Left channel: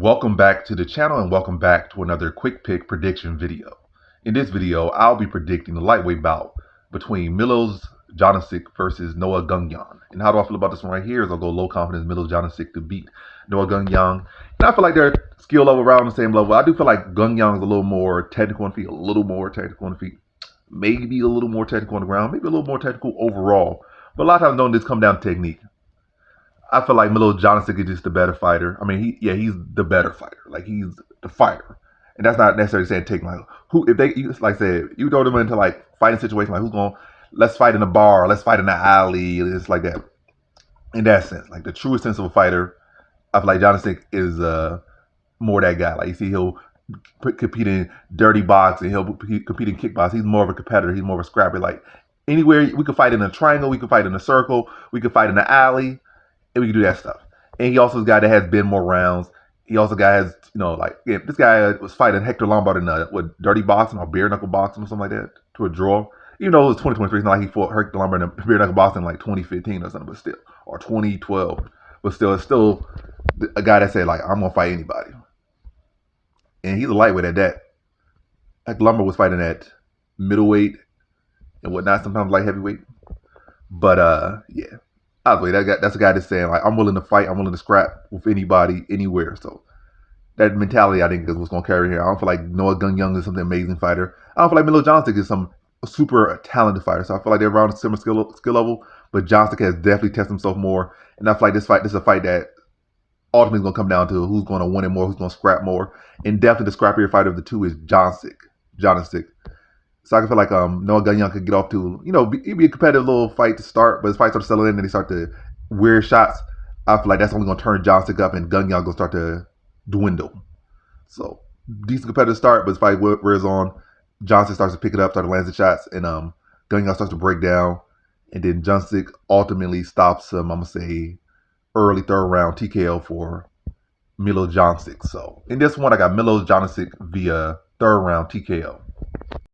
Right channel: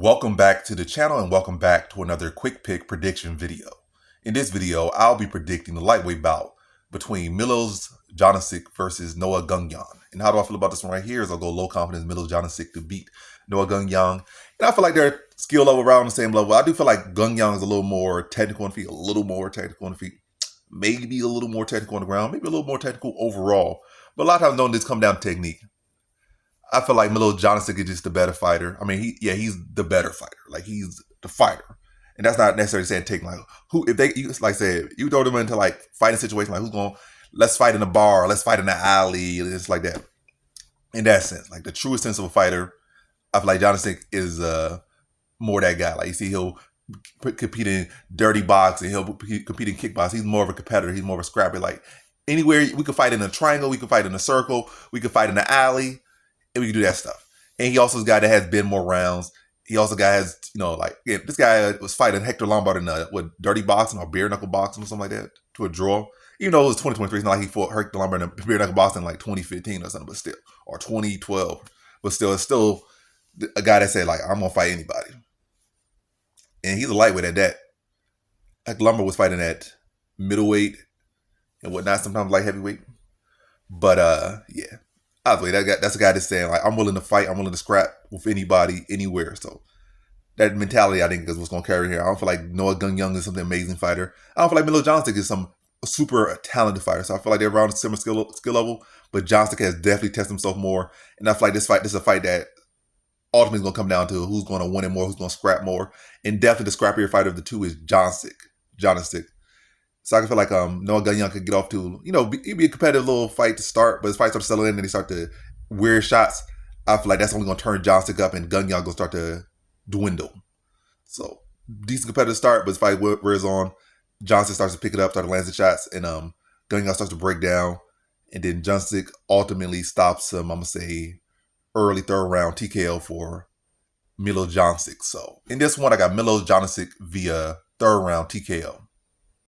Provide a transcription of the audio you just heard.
Welcome back to the channel and welcome back to another quick pick prediction video. In this video, I'll be predicting the lightweight bout between Milos Janicic versus Noah Gugnon. And how do I feel about this one right here is I'll go low confidence Milos Janicic to beat Noah Gugnon. And I feel like their skill level around the same level. I do feel like Gugnon is a little more technical on the feet, maybe a little more technical on the ground, maybe a little more technical overall. But a lot of times don't just come down to technique. I feel like Milos Janicic is just the better fighter. I mean, he's the better fighter. Like, he's the fighter. And that's not necessarily saying take, like, if they, like I said, you throw them into, like, fighting situation, like, who's going, let's fight in a bar, let's fight in the alley, it's like that. In that sense, like, the truest sense of a fighter, I feel like Janicic is more that guy. Like, you see, he'll compete in dirty boxing, he'll compete in kickboxing. He's more of a competitor. He's more of a scrapper. Like, anywhere, we could fight in a triangle, we could fight in a circle, we could fight in the alley, and we can do that stuff. And he also is a guy that has been more rounds. He also has, this guy was fighting Hector Lombard in dirty boxing or bare knuckle boxing or something like that to a draw. Even though it was 2023, it's not like he fought Hector Lombard in bare knuckle boxing in like 2015 or something, but still, or 2012. But still, it's still a guy that said, like, I'm going to fight anybody. And he's a lightweight at that. Hector Lombard was fighting at middleweight and whatnot, sometimes light heavyweight. But, yeah. That's a guy that's saying, like, I'm willing to fight, I'm willing to scrap with anybody, anywhere. So that mentality, I think, is what's going to carry here. I don't feel like Noah Gugnon is some amazing fighter. I don't feel like Milos Janicic is some super talented fighter. So I feel like they're around a similar skill level, but Janicic has definitely tested himself more. And I feel like this is a fight that ultimately is going to come down to who's going to win it more, who's going to scrap more. And definitely the scrappier fighter of the two is Janicic. So I feel like Noah Gugnon could get off to, it'd be a competitive little fight to start, but as fights start to settle in and they start to wear shots, I feel like that's only going to turn Janicic up and Gugnon going to start to dwindle. So decent competitive start, but as fight wears on, Janicic starts to pick it up, start to land the shots, and Gugnon starts to break down, and then Janicic ultimately stops him, I'm going to say, early third round TKO for Milos Janicic. So in this one, I got Milos Janicic via third round TKO.